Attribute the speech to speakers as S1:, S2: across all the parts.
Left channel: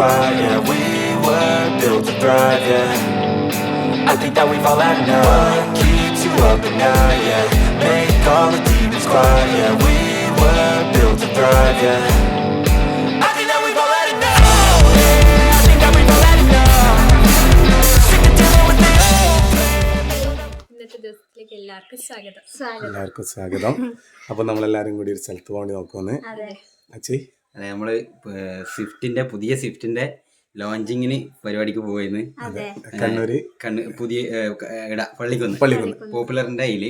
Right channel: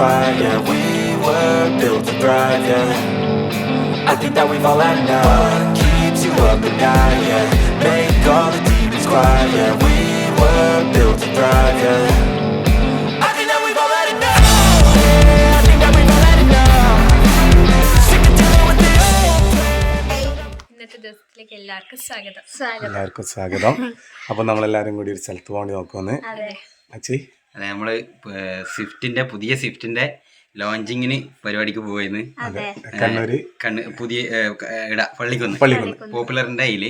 S1: quiet, yeah We were built to thrive, yeah I think that we've all had enough What keeps you up at night, yeah Make all the demons quiet, yeah We were built to thrive, yeah I think that we've all had enough Yeah, I think that we've all had enough Sick of with the old plan
S2: ഇന്നത്തെ ദിവസത്തിലേക്ക് എല്ലാവർക്കും സ്വാഗതം
S3: എല്ലാവർക്കും സ്വാഗതം അപ്പോൾ നമ്മളെല്ലാവരും കൂടി ഒരു സ്ഥലത്ത് പോകേണ്ടി നോക്കുമെന്ന് അച്ചി
S4: അതെ നമ്മൾ സ്വിഫ്റ്റിന്റെ പുതിയ സ്വിഫ്റ്റിന്റെ ലോഞ്ചിങ്ങിന് പരിപാടിക്ക് പോയിന്ന് കണ്ണ് പുതിയ ഇട പള്ളിക്കൊന്ന്.
S3: പള്ളിക്കുന്ന്.
S4: പോപ്പുലറിന്റെ അതിൽ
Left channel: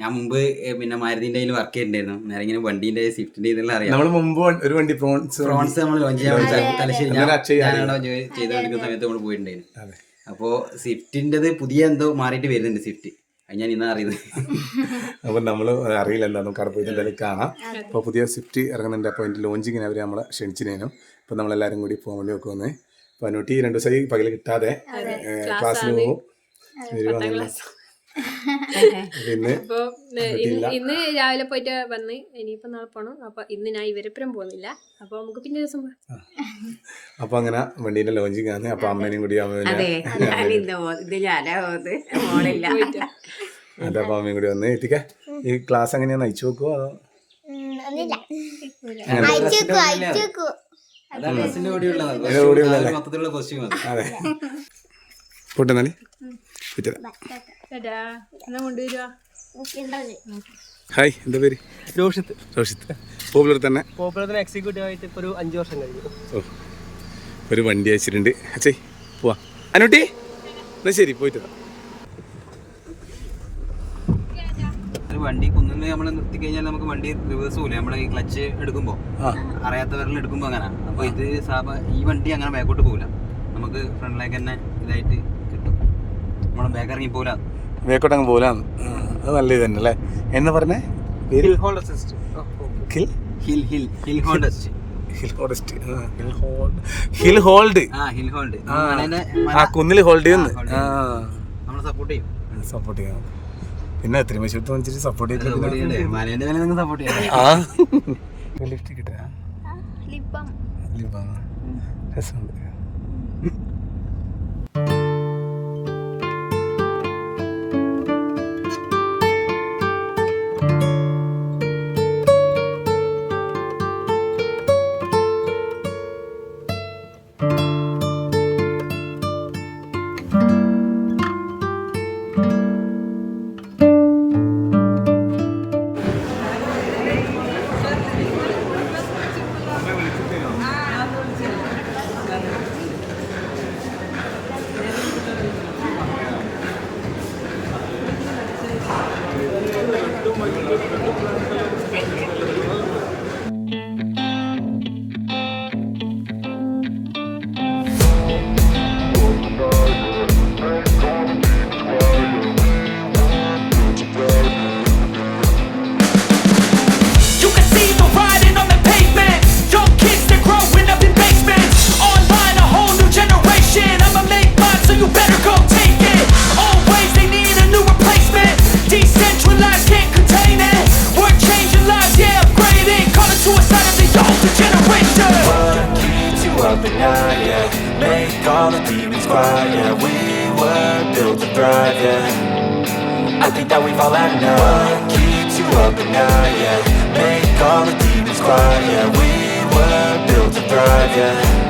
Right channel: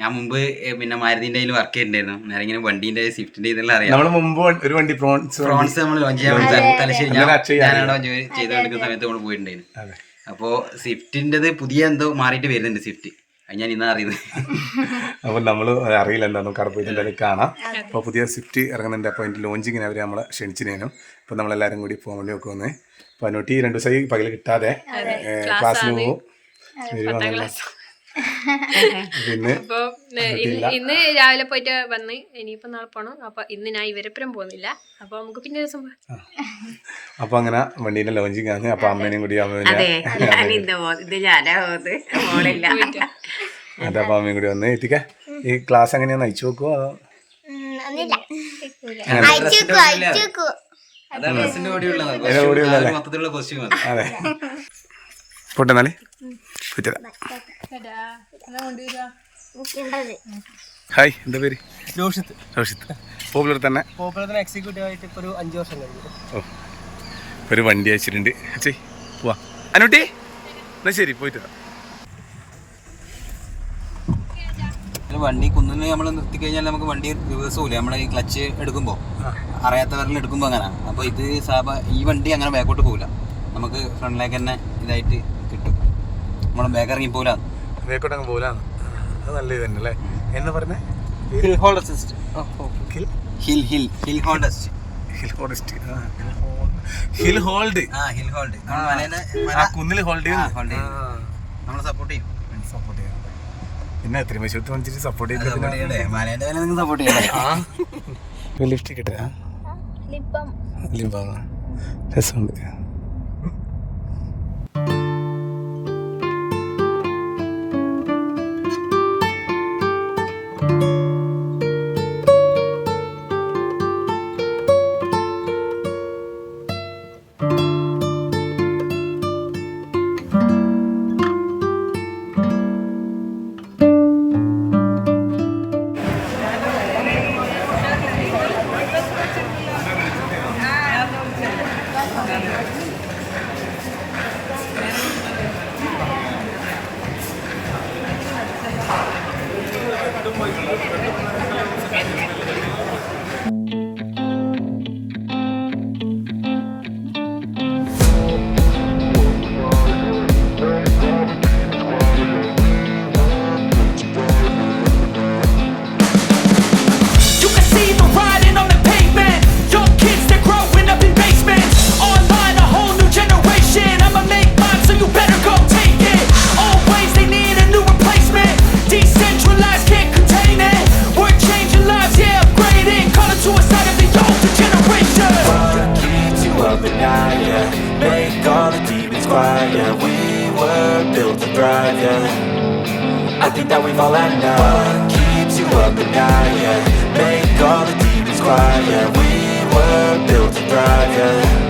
S4: ഞാൻ മുമ്പ് പിന്നെ മാരുതിന്റെ അതിൽ വർക്ക് ചെയ്തിട്ടുണ്ടായിരുന്നു. നേരെ ഇങ്ങനെ വണ്ടിന്റെ സ്വിഫ്റ്റിന്റെ ഇതെല്ലാം അറിയാം.
S3: മുമ്പ് ഒരു വണ്ടി പ്രോൺസ്
S4: ഫ്രോൺസ് നമ്മൾ ലോഞ്ച് ചെയ്യാൻ വേണ്ടി തലശ്ശേരി ഞാൻ ഞാനവിടെ ചെയ്തുകൊണ്ടിരിക്കുന്ന സമയത്ത് നമ്മൾ പോയിട്ടുണ്ടായിരുന്നു.
S3: അതെ.
S4: അപ്പോൾ സ്വിഫ്റ്റിന്റെത് പുതിയ എന്തോ മാറിയിട്ട് വരുന്നുണ്ട് സ്വിഫ്റ്റ്. ഞാൻ ഇന്നാ അറിയുന്നത്
S3: അപ്പോൾ നമ്മൾ അറിയില്ല എന്താണെന്ന് കട പോയിട്ട് എന്തായാലും കാണാം. അപ്പോൾ പുതിയ സ്വിഫ്റ്റ് ഇറങ്ങുന്നുണ്ട് അപ്പോൾ അതിന്റെ ലോഞ്ചിങ്ങിന് അവർ നമ്മളെ ക്ഷണിച്ചിനേനും. അപ്പോൾ നമ്മളെല്ലാവരും കൂടി പോകാൻ വേണ്ടി നോക്കുമെന്ന് അപ്പോൾ അനുട്ടി രണ്ട് ദിവസമായി പകൽ കിട്ടാതെ ക്ലാസ്സിൽ പോകും
S2: അപ്പൊ ഇന്ന് ഇന്ന് രാവിലെ പോയിട്ട് വന്ന് ഇനിയിപ്പോ നാളെ പോണം. അപ്പൊ ഇന്ന് ഞാൻ ഇവരെപ്പുറം പോകുന്നില്ല. അപ്പൊ നമുക്ക് പിന്നെ ദിവസം പോവാം.
S3: അപ്പോൾ അങ്ങനെ വണ്ടീന്റെ ലോഞ്ചിങ് ആണ് അപ്പൊ അമ്മേനും കൂടി
S5: അതെ
S3: അപ്പൊ അമ്മയും കൂടി വന്ന് എത്തിക്ക. ഈ ക്ലാസ് എങ്ങനെയാ നയിച്ചു വെക്കുവോ അതോ
S4: അതാണ് ഡ്രസ്സിന്റെ
S3: ഹായ് എന്താ പേര്?
S6: രോഷിത്ത്.
S3: രോഷിത്ത്. പോപ്പുലർ തന്നെ.
S6: പോപ്പുലറിന് എക്സിക്യൂട്ടീവ് ആയിട്ട് ഇപ്പോൾ ഒരു അഞ്ച് വർഷം കഴിഞ്ഞു.
S3: ഓ ഒരു വണ്ടി അയച്ചിട്ടുണ്ട്. അച്ഛേ പോവാ. അനുട്ടി എന്നാ ശരി പോയിട്ട്.
S4: വണ്ടി കുന്നിന് നമ്മൾ നിർത്തി കഴിഞ്ഞാൽ നമുക്ക് വണ്ടി റിവേഴ്സ് പോകില്ല നമ്മൾ ഈ ക്ലച്ച് എടുക്കുമ്പോൾ അറിയാത്തവരിൽ എടുക്കുമ്പോൾ അങ്ങനെ. അപ്പോൾ ഇത് സാബ ഈ വണ്ടി അങ്ങനെ ബാക്കോട്ട് പോകില്ല നമുക്ക് ഫ്രണ്ടിലേക്ക് തന്നെ ഇതായിട്ട് കിട്ടും. നമ്മൾ ബാക്ക് ഇറങ്ങി പോകില്ല
S3: വേക്കോട്ട് അങ്ങ് പോലാന്ന് അത് നല്ല ഇത് തന്നെ അല്ലേ? എന്ന് പറഞ്ഞേ?
S4: Hill hold assist
S3: hill
S4: hill hill hill hold assist
S3: hill hold hill hold hill hold
S4: ആ ഹിൽ ഹോൾഡ്
S3: ആ കുന്നിൽ ഹോൾഡ് ചെയ്യുന്നു.
S4: നമ്മൾ സപ്പോർട്ട് ചെയ്യും.
S3: സപ്പോർട്ട് ചെയ്യാം പിന്നെ എത്ര മശൂത്ത് വന്നിട്ട് സപ്പോർട്ട്
S4: നിങ്ങൾ സപ്പോർട്ട് ചെയ്യണം
S3: ആ. ലിഫ്റ്റ് കിട്ടുക ലിംബം രസമുണ്ട്.
S1: Demons quiet, yeah. We were built to thrive, yeah. I think that we've all had enough. What keeps you up at night, yeah? Make all the demons quiet, yeah. We were built to thrive, yeah. Oh.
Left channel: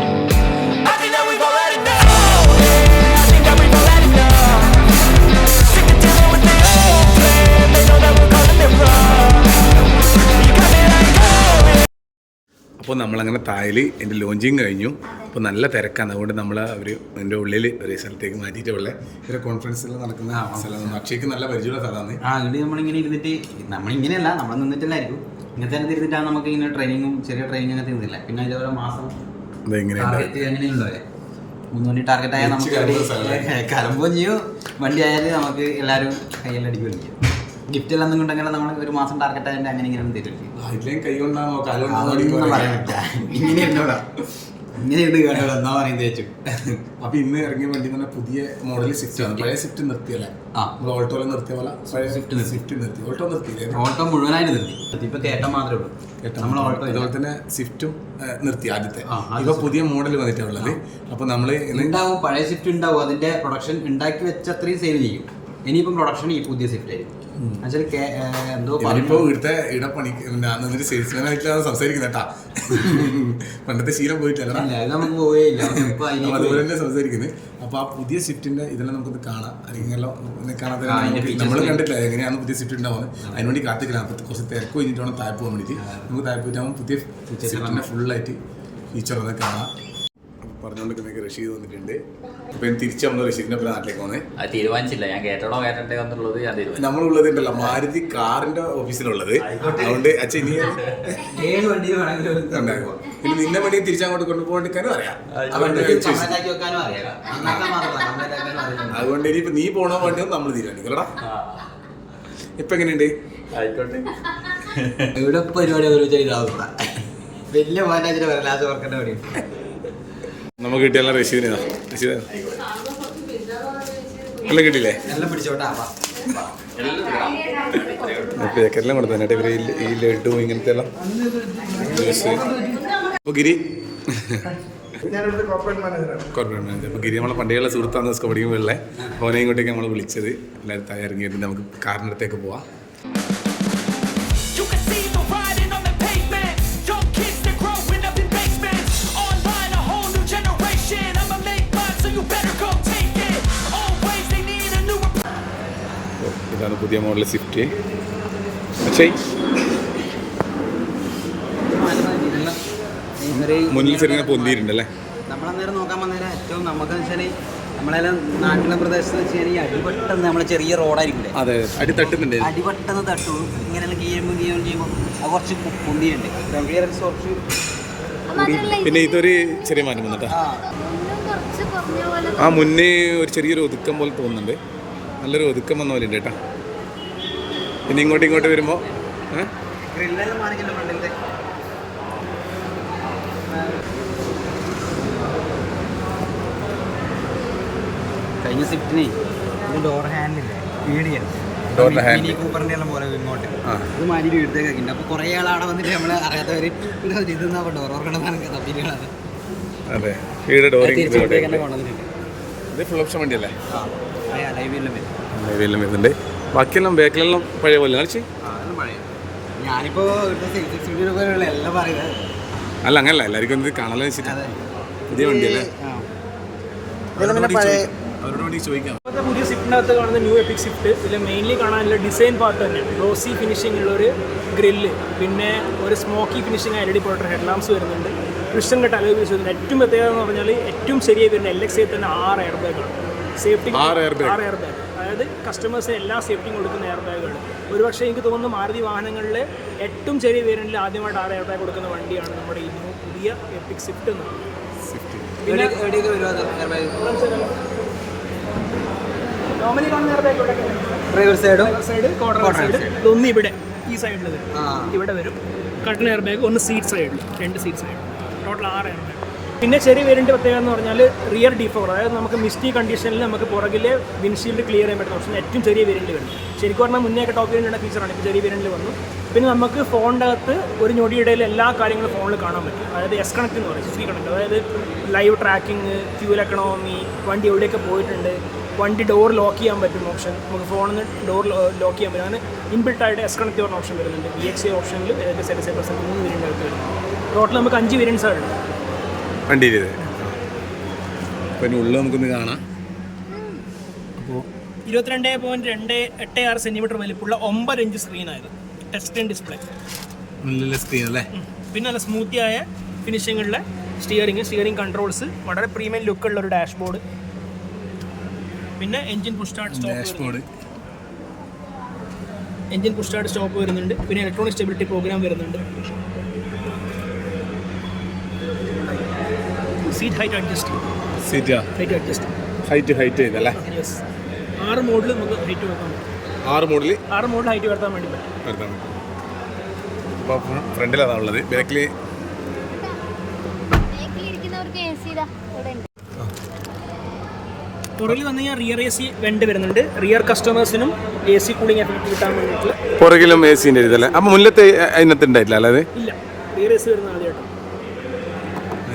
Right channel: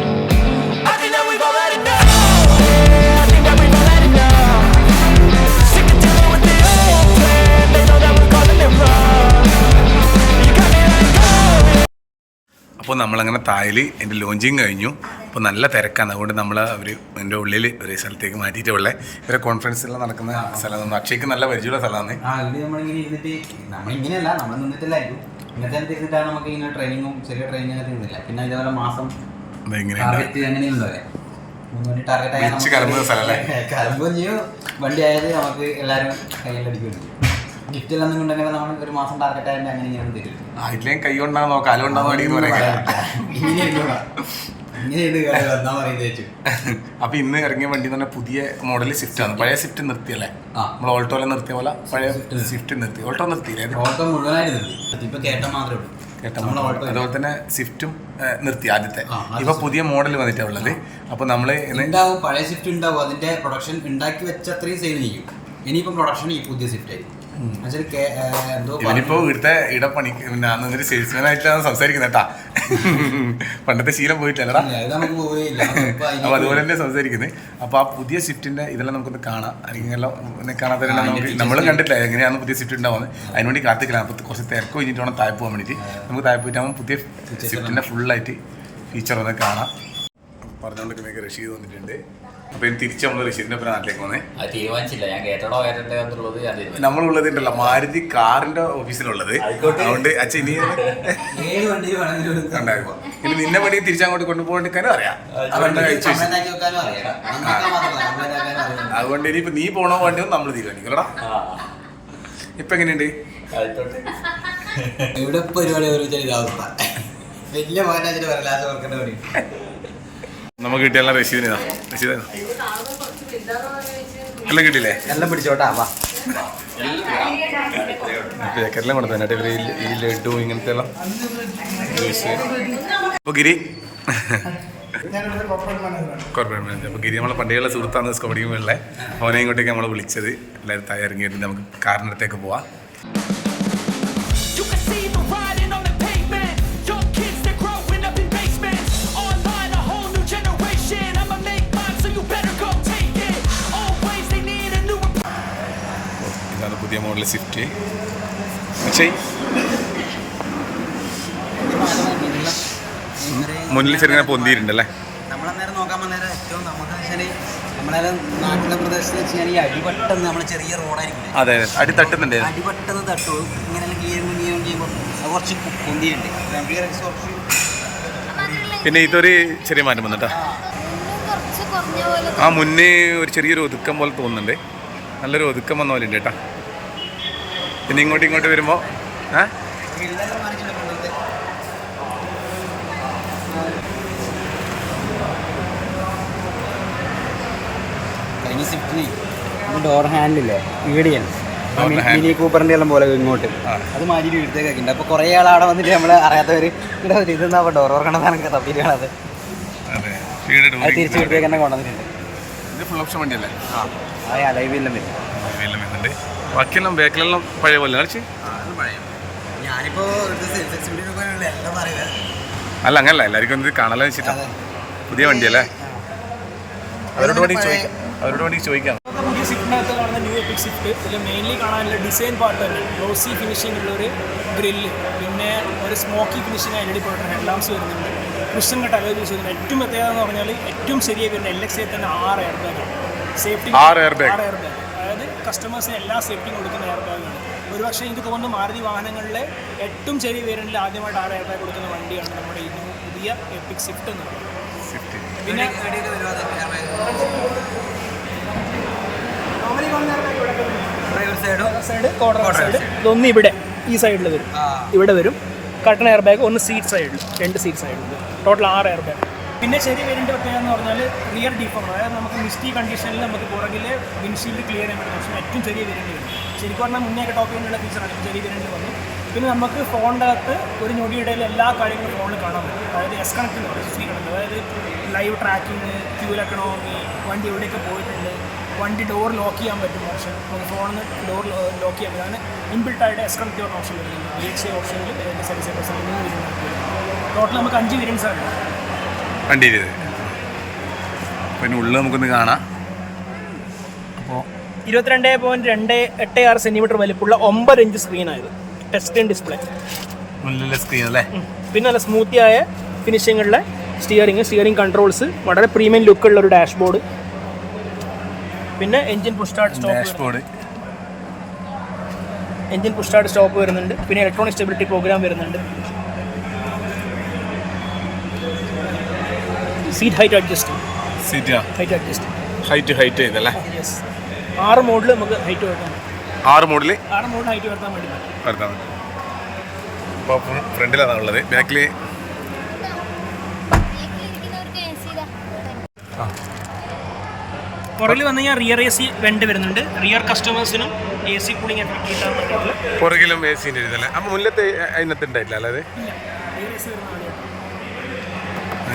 S3: അപ്പോൾ നമ്മളങ്ങനെ തായൽ എന്റെ launching കഴിഞ്ഞു അപ്പോൾ നല്ല തിരക്കാണ്. അതുകൊണ്ട് നമ്മൾ അവർ എന്റെ ഉള്ളിൽ ഒരു സ്ഥലത്തേക്ക് മാറ്റിയിട്ടുള്ളത് ഇവരെ കോൺഫറൻസെല്ലാം നടക്കുന്ന സ്ഥലം അക്ഷയ്ക്ക് നല്ല പരിചയമുള്ള സ്ഥലമാണ്.
S4: ആ ഇത് നമ്മളിങ്ങനെ ഇരുന്നിട്ട് നമ്മളിങ്ങനെയല്ല നമ്മൾ നിന്നിട്ടില്ലായിരിക്കും ഇങ്ങനത്തെ ഇരുന്നിട്ടാണ് നമുക്ക് ഇങ്ങനെ ട്രെയിനിങ്ങും ചെറിയ ട്രെയിനിങ് അങ്ങനെ ഇരുന്നില്ല പിന്നെ ഇതേപോലെ മാസം
S3: ഇങ്ങനെയുണ്ട്.
S4: ടാർഗറ്റ് അങ്ങനെയുണ്ടോ മൂന്ന് മണി ടാർഗറ്റ് ആയാൽ
S3: വിളിച്ച് കലമ്പുന്ന സ്ഥലമല്ലേ?
S4: കലമ്പും ചെയ്യും. വണ്ടി ആയാലും നമുക്ക് എല്ലാവരും കയ്യിലടിക്കുകയും ചെയ്യും ഗിഫ്റ്റ് എല്ലാം ഉണ്ടെങ്കിൽ നമ്മൾ ഒരു മാസം ടാർഗറ്റ് ആയതുകൊണ്ട് അങ്ങനെ ഇങ്ങനെ തരില്ല.
S3: കൈ കൊണ്ടാണോ കാൽ കൊണ്ടാണോ അടിക്കുന്നു പറയാം
S4: ഇങ്ങനെ ഇരുന്നോളാം
S3: അപ്പൊ ഇന്ന് ഇറങ്ങിയ വണ്ടി തന്നെ പുതിയ മോഡൽ സ്വിഫ്റ്റ് ആണ്. പഴയ സ്വിഫ്റ്റ് നിർത്തിയല്ലേ. നമ്മൾ ഓൾട്ടോയിലെ നിർത്തിയ പോലെ പഴയ സ്വിഫ്റ്റ് നിർത്തി. ഓൾട്ടോ നിർത്തിയില്ലേ
S4: ഓൾട്ടോ മുഴുവനായിട്ട് നിർത്തി. ഇപ്പൊ മാത്രമേ ഉള്ളൂ.
S3: അതുപോലെ തന്നെ സ്വിഫ്റ്റും നിർത്തി ആദ്യത്തെ. ഇപ്പൊ പുതിയ മോഡൽ വന്നിട്ടാ ഉള്ളത്. അപ്പൊ നമ്മൾ
S4: ഉണ്ടാവും പഴയ സ്വിഫ്റ്റ് ഉണ്ടാവും അതിന്റെ പ്രൊഡക്ഷൻ ഉണ്ടാക്കി വെച്ച അത്രയും സെയിൽ ചെയ്യും. ഇനിയിപ്പം പ്രൊഡക്ഷൻ ഈ പുതിയ സ്വിഫ്റ്റ് ആയിരിക്കും.
S3: ഇപ്പോ ഇവിടുത്തെ ഇവിടെ പണി നിന്നിട്ട് സെയിൽസ്മാൻ ആയിട്ടാണ് സംസാരിക്കുന്നത് കേട്ടാ പണ്ടത്തെ ശീലം പോയിട്ടില്ലടാ അതുപോലെ തന്നെ സംസാരിക്കുന്നത് അപ്പൊ ആ പുതിയ ഷിഫ്റ്റിന്റെ ഇതെല്ലാം നമുക്കൊന്ന് കാണാം. അല്ലെങ്കിൽ എല്ലാം കാണാതെ നമ്മൾ കണ്ടിട്ടില്ല എങ്ങനെയാണ് പുതിയ ഷിഫ്റ്റ് ഉണ്ടാവുന്നത്. അതിനുവേണ്ടി കാത്തിക്കില്ല അപ്പൊ കുറച്ച് തിരക്ക് കഴിഞ്ഞിട്ട് വേണം താഴെ പോകാൻ വേണ്ടിട്ട് നമുക്ക് താഴെ പോയിട്ടാകുമ്പോൾ പുതിയ ഷിഫ്റ്റിന്റെ ഫുള്ളായിട്ട് ഫീച്ചർ ഒന്ന് കാണാം. പറഞ്ഞുകൊണ്ടിരിക്കുന്ന റഷീദ് വന്നിട്ടുണ്ട്. അപ്പൊ ഇനി തിരിച്ച് നമ്മൾ റഷീദിന്റെ ഒപ്പം നാട്ടിലേക്ക് വന്നേ
S7: അത് തീരുമാനിച്ചില്ല. ഞാൻ കേട്ടണോ കേട്ടണ്ടേ എന്നുള്ളത് ഞാൻ തീരുമാനിച്ചു.
S3: നമ്മളുള്ളത് ഉണ്ടല്ലോ മാരുതി കാറിന്റെ ഓഫീസിലുള്ളത്. അതുകൊണ്ട് അച്ഛൻ ഇനി
S4: ഏത് വണ്ടിയിൽ വേണമെങ്കിലും
S3: ഉണ്ടാകും ഇനി നിന്നെ വേണ്ടി തിരിച്ചങ്ങോട്ട് കൊണ്ടുപോകാനും അറിയാം. അതുകൊണ്ട് കഴിച്ചു വെച്ചു അതുകൊണ്ട് ഇനിയിപ്പോ നീ പോണോ വേണ്ടിയോ നമ്മൾ തീരുമാനിക്കലടാ. ഇപ്പൊ എങ്ങനെയുണ്ട്?
S7: ആയിക്കോട്ടെ.
S4: ഇവിടെ പരിപാടി ഓരോ ചെയ്ത അവസ്ഥ. വലിയ മാനേജർ വരലാതെ വർക്കുന്ന പണി
S3: നമുക്ക് കിട്ടിയല്ല റഷീദിന് റഷീദ് എല്ലാം കിട്ടിയില്ലേ?
S4: എല്ലാം പിടിച്ചോട്ടാ വാ.
S3: പേക്കെല്ലാം കൊടുത്തു തന്നെ ഇവർ ഈ- ലഡു ഇങ്ങനത്തെ എല്ലാം ജ്യൂസ് അപ്പൊ ഗിരി കോർപ്പറേറ്റ് മാനേജർ അപ്പൊ ഗിരി നമ്മളെ പണ്ടേയുള്ള സുഹൃത്താണ് സ്കോഡിയും പഠിക്കുമ്പോഴേ അവനെ ഇങ്ങോട്ടേക്ക് നമ്മൾ വിളിച്ചത്. എല്ലാവരും തയ്യാറെങ്കിൽ നമുക്ക് കാറിനടുത്തേക്ക് പോവാം. ഇതാണ് പുതിയ മോഡൽ സ്വിഫ്റ്റ്. അച്ഛേ മുന്നിൽ ചെറിയ പൊന്തിയിട്ടുണ്ടല്ലേ?
S4: നമ്മളന്നേരം നോക്കാൻ വന്നേരം ഏറ്റവും നമുക്ക് വെച്ചാൽ നമ്മളെല്ലാം നാട്ടിലെ പ്രദേശത്ത് വെച്ച് കഴിഞ്ഞാൽ ഈ അടിപെട്ടെന്ന് നമ്മൾ ചെറിയ റോഡായിരിക്കും
S3: അതെ അതെ. അടി തട്ടുന്നുണ്ട്?
S4: അടിപെട്ടെന്ന് തട്ടുള്ളൂ ഇങ്ങനെ അത് കുറച്ച് പൊന്തിയുണ്ട്
S3: പിന്നെ ഇതൊരു ചെറിയ മാറ്റം വന്നിട്ടാ.
S8: ഒന്നും കുറച്ച് കുറഞ്ഞ പോലെ
S3: ആ മുന്നേ ഒരു ചെറിയൊരു ഒതുക്കം പോലെ തോന്നുന്നുണ്ട്. നല്ലൊരു ഒതുക്കം വന്ന പോലെ ഉണ്ട് കേട്ടാ. പിന്നെ ഇങ്ങോട്ട് ഇങ്ങോട്ട് വരുമ്പോൾ ഏ?
S4: ഫ്രണ്ടിലത്തെ കഴിഞ്ഞ സിഫ്റ്റിനെ ഡോർ ഹാൻഡില്ലേ മീഡിയൻ
S3: Door ന്റെ handle.
S4: മിനി കൂപ്പറിന്റെ എല്ലാം പോലെ ഇങ്ങോട്ട്.
S3: ആ.
S4: അത് മാറ്റിയിട്ട് ഇവിടുത്തേക്ക് ആക്കിയിട്ടുണ്ട് അപ്പൊ കുറെ ആൾ അവിടെ വന്നിട്ട് നമ്മൾ അറിയാത്തവര് എന്താ ഇതെന്നാ ഡോർ ഓർക്കണ സാധനം തപ്പിട്ട് കാണാതെ
S3: അതെ. വീട് ഡോറിങ്
S4: തിരിച്ചു തന്നെ കൊണ്ടുവന്നിട്ടുണ്ട്.
S3: ഇത് ഫുൾ ഓപ്ഷൻ വണ്ടിയല്ലേ?
S4: ആ.
S3: വീട്ടിലും വരുന്നുണ്ട് ബാക്കിയെല്ലാം ബാക്കിലെല്ലാം പഴയ പോലെ.
S4: പറയുന്നത്
S3: അല്ല അങ്ങനല്ല. എല്ലാവർക്കും ഇത് കാണാൻ വെച്ചിട്ടാണ് പുതിയ വണ്ടിയല്ലേ അവരോട് വേണ്ടി അവരോട് വേണ്ടി ചോദിക്കാം.
S6: പുതിയ സ്വിഫ്റ്റിനകത്ത് കാണുന്ന ന്യൂ എപ്പിക് സ്വിഫ്റ്റ് ഇതിൽ മെയിൻലി കാണാനുള്ള ഡിസൈൻ പാർട്ട് തന്നെ. ഗ്ലോസി ഫിനിഷിംഗ് ഉള്ള ഒരു ഗ്രില്ല് പിന്നെ ഒരു smoky finishing L E D projector headlamps വരുന്നുണ്ട്. ക്രിസ്റ്റൻ കട്ട് അലോയ്സ് വരുന്നുണ്ട്. ഏറ്റവും പ്രത്യേകത എന്ന് പറഞ്ഞാൽ ഏറ്റവും ശരിയായി വരുന്ന എൽ എക്സ് തന്നെ ആറ് എയർ ബാഗാണ് സേഫ്റ്റി
S3: ആറ്
S6: എയർ ബാഗ് അതായത് കസ്റ്റമേഴ്സിന് എല്ലാ സേഫ്റ്റിയും കൊടുക്കുന്ന എയർ ബാഗുകൾ ഒരുപക്ഷെ എനിക്ക് തോന്നുന്നു മാരുതി വാഹനങ്ങളിലെ ഏറ്റവും ചെറിയ വേരിയന്റിൽ ആദ്യമായിട്ട് ആറ് എയർ ബാഗ് കൊടുക്കുന്ന വണ്ടിയാണ് നമ്മുടെ ഈ പുതിയ എപ്പിക് സ്വിഫ്റ്റ് എന്ന് പറയുന്നത്. പിന്നെ
S4: ഡ്രൈവർ സൈഡും
S6: സൈഡ് കോർണർ സൈഡ് ഇതൊന്ന് ഇവിടെ ഈ സൈഡിൽ വരും.
S4: ആ.
S6: ഇവിടെ വരും. കട്ടൺ എയർ ബാഗ് ഒന്ന് സീറ്റ് സൈഡിൽ രണ്ട് സീറ്റ് സൈഡിൽ ടോട്ടൽ ആറ് എയർ ബാഗ് പിന്നെ ചെറിയ വേരിയന്റ് പ്രത്യേകത എന്ന് പറഞ്ഞാൽ റിയർ ഡീഫോർ അതായത് നമുക്ക് മിസ്റ്റി കണ്ടീഷനിൽ നമുക്ക് പുറകിലെ വിൻഷീൽഡ് ക്ലിയർ ചെയ്യാൻ പറ്റുന്ന ഓപ്ഷൻ ഏറ്റവും ചെറിയ വേരിയന്റ് വരും ശരിക്കും പറഞ്ഞാൽ മുന്നേ ഒക്കെ ടോപ്പ് വേരിയന്റ് ഫീച്ചറാണ് ഇപ്പോൾ ചെറിയ വേരിയന്റ് വന്നു. പിന്നെ നമുക്ക് ഫോണിന്റെ അകത്ത് ഒരു ഞൊടിയുടെ എല്ലാ കാര്യങ്ങളും ഫോണിൽ കാണാൻ പറ്റും. അതായത് എസ് കണക്ട് എന്ന് പറയും. സി കണക്ട് അതായത് ലൈവ് ട്രാക്കിംഗ് ക്യൂൽ എക്കണോമി വണ്ടി എവിടെയൊക്കെ പോയിട്ടുണ്ട് വണ്ടി ഡോർ ലോക്ക് ചെയ്യാൻ പറ്റും ഓപ്ഷൻ നമുക്ക് ഫോണിൽ നിന്ന് ഡോർ ലോക്ക് ചെയ്യാൻ പറ്റും. അങ്ങനെ ഇൻബിൽട്ട് ആയിട്ട് എസ് കണക്ട് ചെയ്യുന്ന ഓപ്ഷൻ വരുന്നുണ്ട്. വി എക്സ് ഐ ഓപ്ഷനിൽ ഏതാണ്ട് സെവൻ സെവൻ പെർസെന്റ് മൂന്ന് വരുന്നുണ്ട് ടോട്ടൽ നമുക്ക് അഞ്ച് വേരിയൻസ് ആണ് ഉള്ളത്.
S3: വണ്ടി ചെയ്ത് പിന്നെ ഉള്ളിൽ നമുക്കൊന്ന് കാണാം.
S6: അപ്പോൾ ഇരുപത്തിരണ്ട് പോയിന്റ് രണ്ട് എട്ട് ആറ് സെന്റിമീറ്റർ വലിപ്പമുള്ള ഒമ്പത് ഇഞ്ച് സ്ക്രീനായത് ടെസ്റ്റ് ഡിസ്പ്ലേ
S3: നല്ല സ്ക്രീൻ അല്ലേ?
S6: പിന്നെ നല്ല സ്മൂത്തി ആയ ഫിനിഷിങ്ങുള്ള സ്റ്റിയറിംഗ് സ്റ്റിയറിംഗ് കൺട്രോൾസ് വളരെ പ്രീമിയം ലുക്ക് ഉള്ള ഒരു ഡാഷ്ബോർഡ് പിന്നെ engine push start
S3: dashboard
S6: engine push start stop വരുന്നുണ്ട്. പിന്നെ ഇലക്ട്രോണിക് സ്റ്റെബിലിറ്റി പ്രോഗ്രാം വരുന്നുണ്ട്. Seat height adjust
S3: seat
S6: height adjust
S3: height height ചെയ്തല്ലേ?
S6: Ah, ആറ് മോഡിൽ നമുക്ക് ഹൈറ്റ് വരുത്താൻ പറ്റും.
S3: ആറ് മോഡിൽ
S6: ആറ് മോഡൽ ഹൈറ്റ് വരുത്താൻ വേണ്ടി പറ്റും.
S3: വരുത്താൻ പറ്റും. അപ്പോൾ ഫ്രണ്ടിലാണ് ഉള്ളത്. ബാക്കിൽ
S6: പുറകിൽ വന്നു കഴിഞ്ഞാൽ റിയർ എ സി രണ്ട് വരുന്നുണ്ട്. റിയർ കസ്റ്റമേഴ്സിനും എ സി കൂളിംഗ്
S3: പുറകിലും എ സിന്റെ ഇതല്ലേ? അപ്പോൾ മുന്നത്തെ അതിനകത്ത് ഉണ്ടായിട്ടില്ല അല്ലാതെ
S6: ഇല്ല. റിയർ എ സി വരുന്ന ആദ്യമായിട്ടാണ്.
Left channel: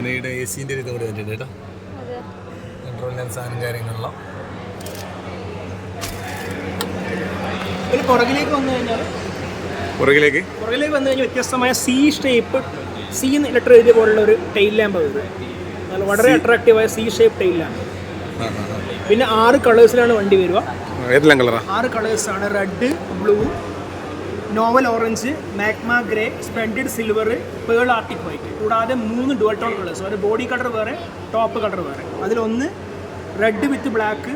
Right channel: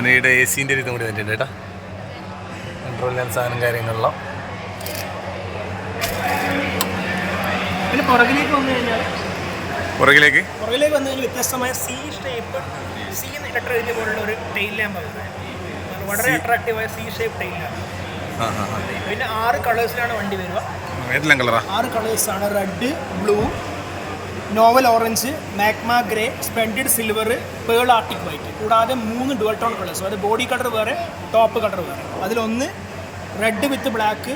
S3: അതിനിടെ എ സിന്റെ ഇതും കൂടി വന്നിട്ടുണ്ട് കേട്ടോ. കൺട്രോൾ സാധനം കാര്യങ്ങളെല്ലാം.
S6: പിന്നെ പുറകിലേക്ക്
S3: പുറകിലേക്ക്?
S6: വന്നു കഴിഞ്ഞാൽ വ്യത്യസ്തമായ സി ഷേപ്പ് സി ലെറ്റർ എഴുതിയ പോലുള്ള ഒരു ടെയിൽ ലാമ്പ് വളരെ അട്രാക്റ്റീവായ സി ഷേപ്പ് ടെയിൽ ലാമ്പ് പിന്നെ ആറ് കളേഴ്സിലാണ് വണ്ടി വരിക.
S3: ഏതെല്ലാം കളറാ
S6: ആറ് കളേഴ്സാണ് red blue novel orange magma grey splendid silver pearl arctic white. കൂടാതെ മൂന്ന് ഡുവൽ ടോൺ കളേഴ്സ്. അതായത് ബോഡി കളർ വേറെ ടോപ്പ് കളർ വേറെ. അതിലൊന്ന് red with black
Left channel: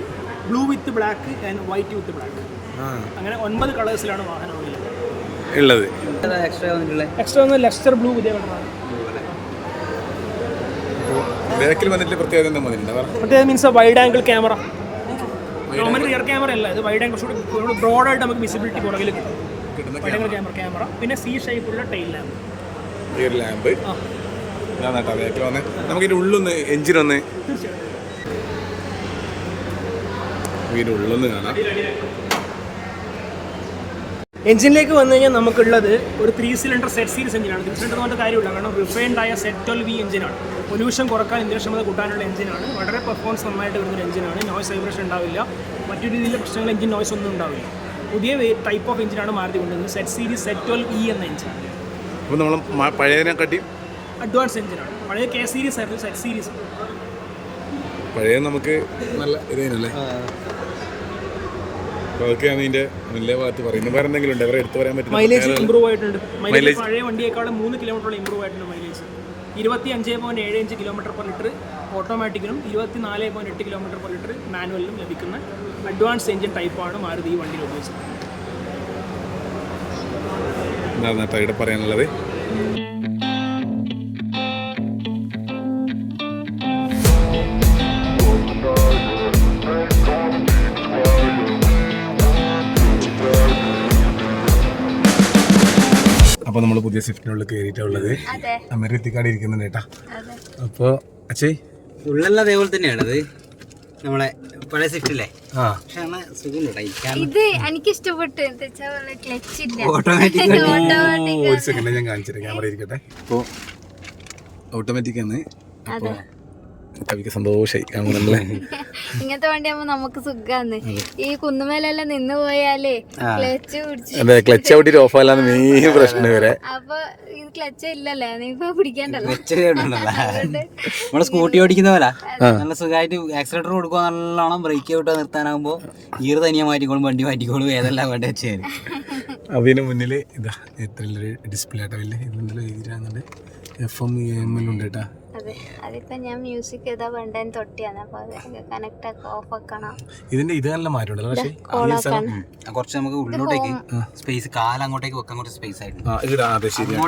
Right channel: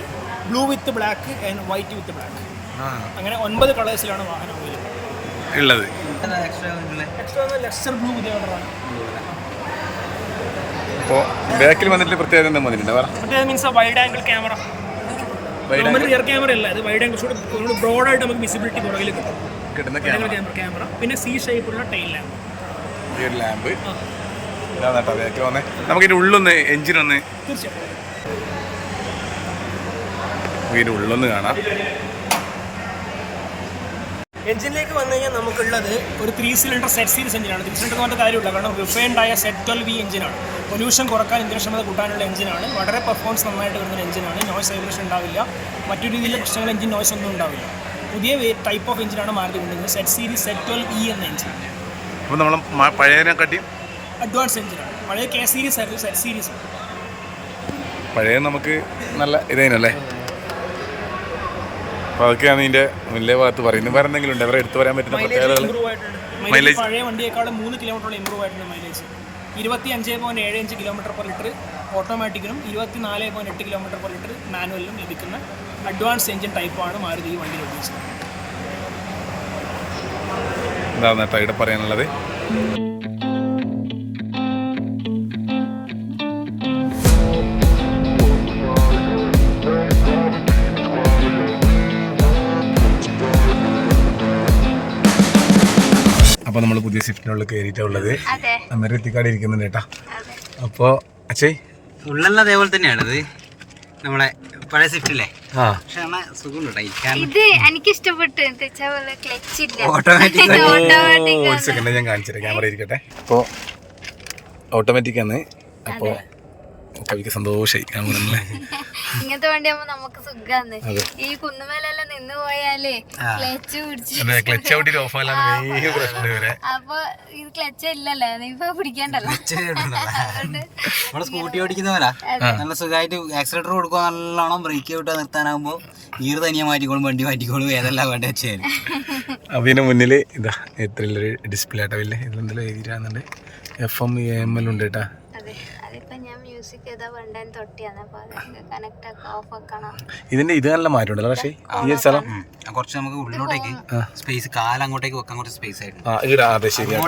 S6: blue with black and white with black
S3: ആ.
S6: അങ്ങനെ ഒൻപത് കളേഴ്സിലാണ് വാഹനം
S3: ഉള്ളത്.
S4: എക്സ്ട്രാ
S6: ഒന്ന് ലെക്സർ ബ്ലൂ പുതിയ കളറാണ്
S3: അപ്പോൾ ബാക്കിൽ വന്നിട്ട് പ്രത്യേകത എന്താ പറ.
S6: Means wide angle camera normal camera അല്ല ഇത് വൈഡ് ആംഗിൾ ബ്രോഡ് ബ്രോഡായിട്ട് നമുക്ക് വിസിബിലിറ്റി പുറകിൽ കിട്ടും.
S3: കിട്ടുന്ന
S6: ക്യാമറ ക്യാമറ പിന്നെ സി ഷേപ്പുള്ള ടൈൽ ലാമ്പ്
S3: ഈ ഒരു ലാമ്പ് ഇതാ കേട്ടോ ബാക്കിൽ വന്നേ. നമുക്ക് ഇതിന്റെ ഉള്ളൊന്ന് എഞ്ചിനൊന്ന്
S6: തീർച്ചയായിട്ടും.
S3: ഇതിന്റെ ഉള്ളൊന്ന് കാണാം.
S6: എഞ്ചിനിലേക്ക് വന്നു കഴിഞ്ഞാൽ നമുക്കുള്ളത് ഒരു ത്രീ സിലിണ്ടർ സെറ്റ് സീരീസ് എഞ്ചിനാണ് ത്രീ സിലിണ്ടർ എന്ന് പറഞ്ഞ കാര്യമില്ല. കാരണം റിഫൈൻഡ് ആയ സെറ്റ് ട്വൽവ് വി എഞ്ചിനാണ് പൊല്യൂഷൻ കുറയ്ക്കാൻ ഇന്ധനക്ഷമത കൂട്ടാനുള്ള എഞ്ചിനാണ് വളരെ പെർഫോമൻസ് നന്നായിട്ട് വരുന്ന എഞ്ചിനാണ് നോയ്സ് വൈബ്രേഷൻ ഉണ്ടാവില്ല. മറ്റു രീതിയിലുള്ള പ്രശ്നങ്ങൾ എഞ്ചിൻ നോയ്സ് ഒന്നും ഉണ്ടാവില്ല. പുതിയ ടൈപ്പ് ഓഫ് എഞ്ചിനാണ് മാരുതി കൊണ്ടുവന്നത് Z series Z twelve E എന്ന എഞ്ചിൻ
S3: അപ്പോൾ നമ്മൾ പഴയതിനെ കാട്ടി
S6: അഡ്വാൻസ് എഞ്ചിനാണ് പഴയ കെ സീരീസ് ആയിരുന്നു സെറ്റ് സീരീസ്
S3: പഴയ നമുക്ക് നല്ല ഇതേനല്ലേ? അപ്പോൾ അതൊക്കെയാണ് ഇതിന്റെ മുന്നിലെ ഭാഗത്ത് പറയുന്നത്. വേറെ എന്തെങ്കിലും ഉണ്ട്? അവരെ എടുത്തു വരാൻ പറ്റുന്ന
S6: മൈലേജ്
S3: പ്രത്യേകതകൾ?
S6: ഇമ്പ്രൂവ് ആയിട്ടുണ്ട്. മൈലേജ് പഴയ വണ്ടിയേക്കാളും മൂന്ന് കിലോമീറ്ററോളം ഇമ്പ്രൂവ് ആയിട്ടുണ്ട് മൈലേജ് ഇരുപത്തി അഞ്ച് പോയിന്റ് ഏഴ് അഞ്ച് കിലോമീറ്റർ പെർ ലിറ്റർ ഓട്ടോമാറ്റിക്കിനും ഇരുപത്തി നാല് പോയിന്റ് എട്ട് കിലോമീറ്റർ പെർ ലിറ്റർ മാനുവലിനും ലഭിക്കുന്ന അഡ്വാൻസ് എഞ്ചിൻ ടൈപ്പാണ് മാരുതി ഈ വണ്ടിയിൽ ഉപയോഗിച്ചത്
S3: എന്താണ് ഇവിടെ പറയാനുള്ളത്. അപ്പോൾ നമ്മൾ പുതിയ സ്വിഫ്റ്റിനുള്ളിൽ കയറിയിട്ടുള്ളത്
S8: അതെ.
S3: അമേരി എത്തിക്കാട് ഇരിക്കുന്നുണ്ട് കേട്ടാ.
S8: അതെ.
S3: അപ്പോൾ അച്ഛേ.
S4: ഉള്ളല്ല അതേപോലെ തന്നെയാണത്. നമ്മളെ പഴയ സ്വിഫ്റ്റ് അല്ലേ പക്ഷെ
S8: ഇത് എനിക്ക് ഇഷ്ടപ്പെട്ടു ക്ലച്ച് ഇല്ല.
S4: ഓട്ടോമാറ്റിക്
S8: ഓട്ടോമാറ്റിക്
S3: ഒരു സെക്കൻഡ് ഞാൻ കാണിച്ചിട്ട് ക്യാമറ ഇരിക്കട്ടെ. അപ്പോൾ ഓട്ടോമാറ്റിക് ആണ്. അപ്പോൾ കവിക്ക് സന്തോഷമായി കാണുന്നല്ലേ
S8: ഇങ്ങനത്തെ വണ്ടിയാകുമ്പോ നമുക്ക് സുഖാന്ന്. ഈ കുന്നുമേലെല്ലാം നിന്ന് പോയാലേ ക്ലച്ച് പിടിച്ചു
S3: അതെ ക്ലച്ച് ഔട്ടിട്ട് ഓഫ് ആയാലാണ് നീ പ്രശ്നം വരെ
S8: അപ്പൊ ഇത് ക്ലച്ച് ഇല്ലല്ലേ നീ ഇപ്പൊ പിടിക്കണ്ടല്ലോ.
S4: നമ്മൾ സ്കൂട്ടി ഓടിക്കുന്ന പോലെ നല്ല സുഖമായിട്ട് ആക്സിലേറ്റർ കൊടുക്കുക നല്ലോണം ബ്രേക്ക് വിട്ട് നിർത്താനാകുമ്പോ ഗിയർ തനിയെ മാറ്റിക്കോളും വണ്ടി മാറ്റിക്കോളും ഏതെല്ലാം വേണ്ട വെച്ചാൽ
S3: അതിന് മുന്നിൽ ഇതാ എത്ര ഡിസ്പ്ലേ ആട്ടോ ഇല്ലേ ഇതെന്തെങ്കിലും എഴുതിയിട്ടാണെന്നുണ്ട് എഫ് എം എം എൽ ഉണ്ട് കേട്ടാ.
S8: ഞാൻ മ്യൂസിക് ഏതാ വേണ്ടതെന്ന് തൊട്ടിയാണ്. അപ്പൊ കണക്ട് ഒക്കെ ഓഫ് ആക്കണം
S3: ഇതിന്റെ ഇത് നല്ല മാറ്റമുണ്ടല്ലോ പക്ഷേ ഈ സ്ഥലം
S4: കുറച്ച് നമുക്ക് ഉള്ളിലോട്ടേക്ക് സ്പേസ് കാല അങ്ങോട്ടേക്ക് വെക്കാൻ കുറച്ച് സ്പേസ് ആയിട്ടുണ്ട്.
S3: അതെ ശരിയാണ്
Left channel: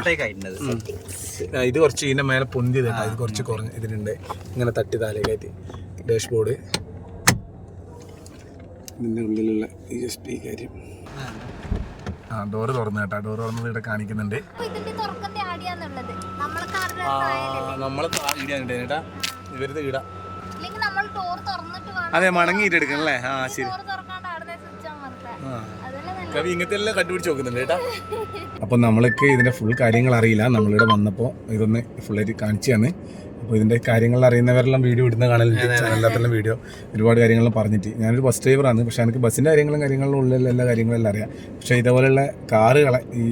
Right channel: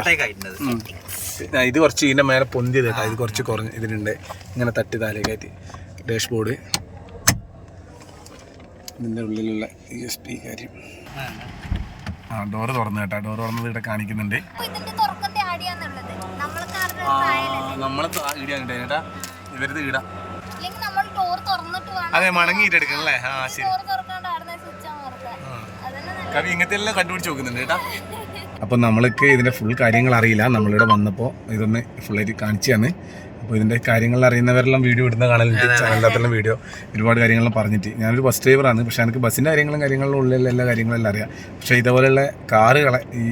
S3: ഇത് കുറച്ച് ഇതിന്റെ മേലെ പൊന്തിയത് കേട്ടോ. ഇത് കുറച്ച് കുറഞ്ഞ് ഇതിനുണ്ട്. ഇങ്ങനെ തട്ടി താലേക്കായിട്ട് ഡാഷ് ബോർഡ് ഇതിന്റെ ഉള്ളിലുള്ള ഈ എസ് പി കാര്യം. ആ ഡോറ് തുറന്നു കേട്ടോ. ഡോറ് തുറന്നത് ഇവിടെ കാണിക്കുന്നുണ്ട്.
S8: ഇതിന്റെ തുറക്കത്തെ ആടിയാന്നുള്ളത്
S3: നമ്മളെ ഇടാൻ കേട്ടാ ഇവരത്
S8: വേണം.
S3: അതെ മണങ്ങിയിട്ട് എടുക്കണം അല്ലേ? ആ ശരി. കവി ഇങ്ങനത്തെ എല്ലാം കണ്ടുപിടിച്ച് നോക്കുന്നുണ്ട് കേട്ടാ. അപ്പൊ നമ്മൾക്ക് ഇതിന്റെ ഫുൾ കാര്യങ്ങൾ അറിയില്ല. നമ്മളിവിടെ വന്നപ്പോൾ ഇതൊന്ന് ഫുള്ളായിട്ട് കാണിച്ചു തന്നെ അപ്പോൾ ഇതിന്റെ കാര്യങ്ങൾ അറിയുന്നവരെല്ലാം വീഡിയോ ഇടുന്ന കാണലുണ്ട്. ചാനലിനകത്തെല്ലാം വീഡിയോ ഒരുപാട് കാര്യങ്ങളും പറഞ്ഞിട്ട്. ഞാനൊരു ബസ് ഡ്രൈവറാണ് പക്ഷേ എനിക്ക് ബസ്സിന്റെ കാര്യങ്ങളും കാര്യങ്ങളും ഉള്ളിലുള്ള എല്ലാ കാര്യങ്ങളും എല്ലാം അറിയാം. പക്ഷേ ഇതേപോലെയുള്ള കാറുകളെ ഈ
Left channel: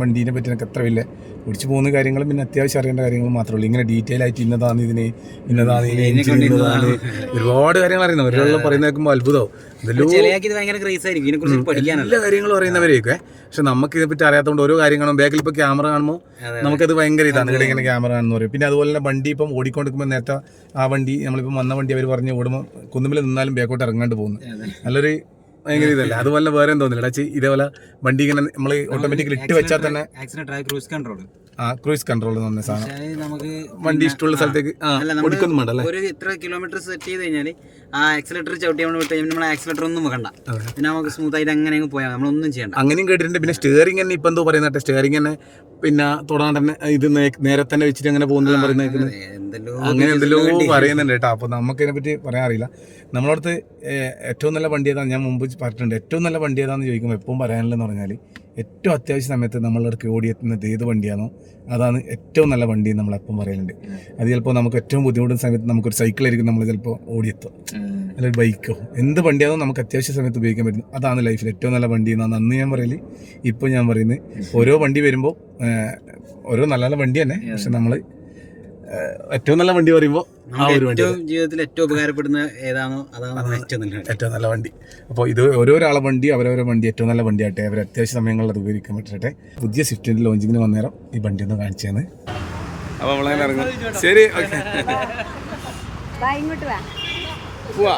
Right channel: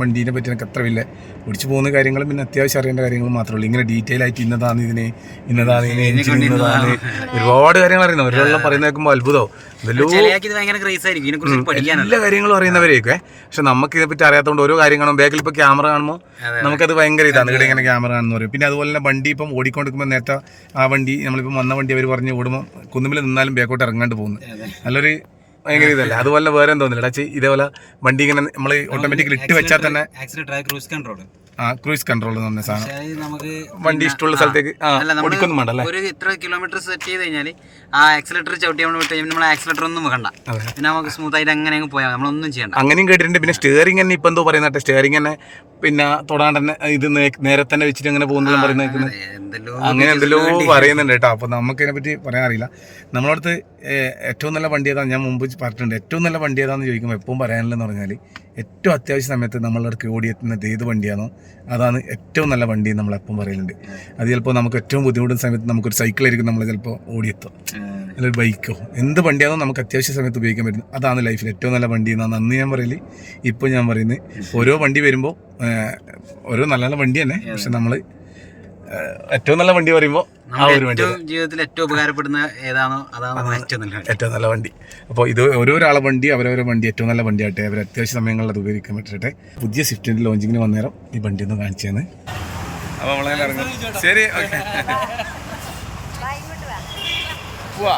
S3: വണ്ടീനെ പറ്റി എനിക്ക് അത്ര വലിയ ഓടിച്ചു പോകുന്ന കാര്യങ്ങളും പിന്നെ അത്യാവശ്യം അറിയേണ്ട കാര്യങ്ങളും മാത്രമേ ഉള്ളൂ. ഇങ്ങനെ ഡീറ്റെയിൽ ആയിട്ട് ഇന്നതാണ് ഇതിന് ഇന്നതാണ് ഇതിന് എഞ്ചിൻ ഇന്നതാണ്. ഒരുപാട് കാര്യങ്ങൾ അറിയുന്നത് അവരെല്ലാം പറയുന്ന കേൾക്കുമ്പോൾ അത്ഭുതവും എല്ലാ കാര്യങ്ങളും അറിയുന്നവരെയൊക്കെ. പക്ഷെ നമുക്ക് ഇതിനെ പറ്റി അറിയാത്തതുകൊണ്ട് ഓരോ കാര്യങ്ങളും ബാക്കിൽ ഇപ്പോൾ ക്യാമറ കാണുമ്പോൾ നമുക്കത് ഭയങ്കര ഇതാണ്. ഇവിടെ ഇങ്ങനെ ക്യാമറ കാണുന്ന പറയും. പിന്നെ അതുപോലെ തന്നെ വണ്ടി ഇപ്പം ഓടിക്കൊണ്ടിരിക്കുമ്പോൾ നേരത്തെ ആ വണ്ടി നമ്മളിപ്പം വന്ന വണ്ടി അവർ പറഞ്ഞ് ഓടുമ്പോൾ കുന്നുമ്പിൽ നിന്നാലും ബാക്കോട്ട് ഇറങ്ങാണ്ട് പോകുന്നു. നല്ലൊരു ഭയങ്കര ഇതല്ലേ? അതുപോലെ വേറെ എന്തോന്നില്ല ഇതേപോലെ വണ്ടി ഇങ്ങനെ നമ്മൾ ഓട്ടോമാറ്റിക്കലി ഇട്ട് വെച്ചാൽ തന്നെ
S4: ക്രൂസ് കൺട്രോൾ
S3: ആ ക്രൂസ് കൺട്രോൾ പറഞ്ഞ സാധനം.
S4: നമുക്ക്
S3: വണ്ടി ഇഷ്ടമുള്ള സ്ഥലത്തേക്ക് ഓടിക്കൊന്നും വേണ്ട
S4: ഒരു ഇത്ര കിലോമീറ്റർ സെറ്റ് ചെയ്ത് കഴിഞ്ഞാൽ ആ ആക്സിലേറ്റർ ചവിട്ടി നമ്മൾ വിട്ട് നമ്മൾ ആക്സിലേറ്റർ ഒന്നും വെക്കണ്ട. പിന്നെ നമുക്ക് സ്മൂത്ത് ആയിട്ട് അങ്ങനെ അങ്ങ് പോയാൽ നമ്മളൊന്നും ചെയ്യണ്ട.
S3: അങ്ങനെയും കേട്ടിട്ടുണ്ട്. പിന്നെ സ്റ്റിയറിംഗ് തന്നെ ഇപ്പം എന്തോ പറയുന്നത് സ്റ്റിയറിംഗ് തന്നെ പിന്നെ തൊടാണ്ട് തന്നെ ഇത് നേരെ തന്നെ വെച്ചിട്ട് അങ്ങനെ പോകുന്നത് പറയുന്നത്
S4: എന്തെല്ലോ
S3: അങ്ങനെ എന്തെല്ലോ പറയുന്നുണ്ട് കേട്ടോ. അപ്പൊ നമുക്ക് ഇതിനെപ്പറ്റി പറയാൻ അറിയില്ല. നമ്മളടുത്ത് ഏറ്റവും നല്ല വണ്ടി ഏതാണ് ഞാൻ മുമ്പ് പറഞ്ഞിട്ടുണ്ട്. ഏറ്റവും നല്ല വണ്ടി ഏതാന്ന് ചോദിക്കുമ്പോൾ എപ്പോഴും പറയാനുള്ളതെന്ന് പറഞ്ഞാൽ ഏറ്റവും അത്യാവശ്യ സമയത്ത് നമ്മളുടെ അടുക്ക് ഓടിയെത്തുന്നത് ഏത് വണ്ടിയാണോ അതാണ് ഏറ്റവും നല്ല വണ്ടി നമ്മളെപ്പം പറയലുണ്ട്. അത് ചിലപ്പോൾ നമുക്ക് ഏറ്റവും ബുദ്ധിമുട്ടുന്ന സമയത്ത് നമുക്കൊരു സൈക്കിളായിരിക്കും നമ്മൾ ചിലപ്പോൾ ഓടിയെത്തുക. അല്ലെങ്കിൽ ബൈക്കോ എന്ത് വണ്ടിയാണോ നമുക്ക് അത്യാവശ്യ സമയത്ത് ഉപയോഗിക്കാൻ പറ്റുന്നത് അതാണ് ലൈഫിൽ ഏറ്റവും നല്ല വണ്ടി എന്നാണ് അന്ന് ഞാൻ പറയൽ. ഇപ്പോൾ ഞാൻ പറയുന്നത് ഓരോ വണ്ടി വരുമ്പോൾ ഓരോ നല്ല നല്ല വണ്ടി തന്നെ പക്ഷെ നമ്മൾ ഏറ്റവും നല്ല വണ്ടി പറയുമ്പോൾ ആ ഒരു വണ്ടി
S4: ഏറ്റവും ജീവിതത്തിൽ ഏറ്റവും ഉപകാരപ്പെടുന്ന ഏതാണോ അതാണ് ഏറ്റവും നല്ല വണ്ടി.
S3: ഏറ്റവും നല്ല വണ്ടി. അപ്പോൾ ഇത് ഓരോരാളെ വണ്ടി അവരവരെ വണ്ടി ഏറ്റവും നല്ല വണ്ടി വണ്ടിയാട്ടെ അവർ അത്യാവശ്യ സമയങ്ങളിൽ അത് ഉപയോഗിക്കാൻ പറ്റട്ടെ. പുതിയ സ്വിഫ്റ്റിന്റെ ലോഞ്ചിങ്ങിന് വന്നേരം ഈ വണ്ടി ഒന്ന് കാണിച്ചേന്ന്. അപ്പോൾ നമ്മളങ്ങനെ ഇറങ്ങും. ശരി ഓക്കെ.
S8: ഇങ്ങോട്ട് വാ.
S3: പോവാ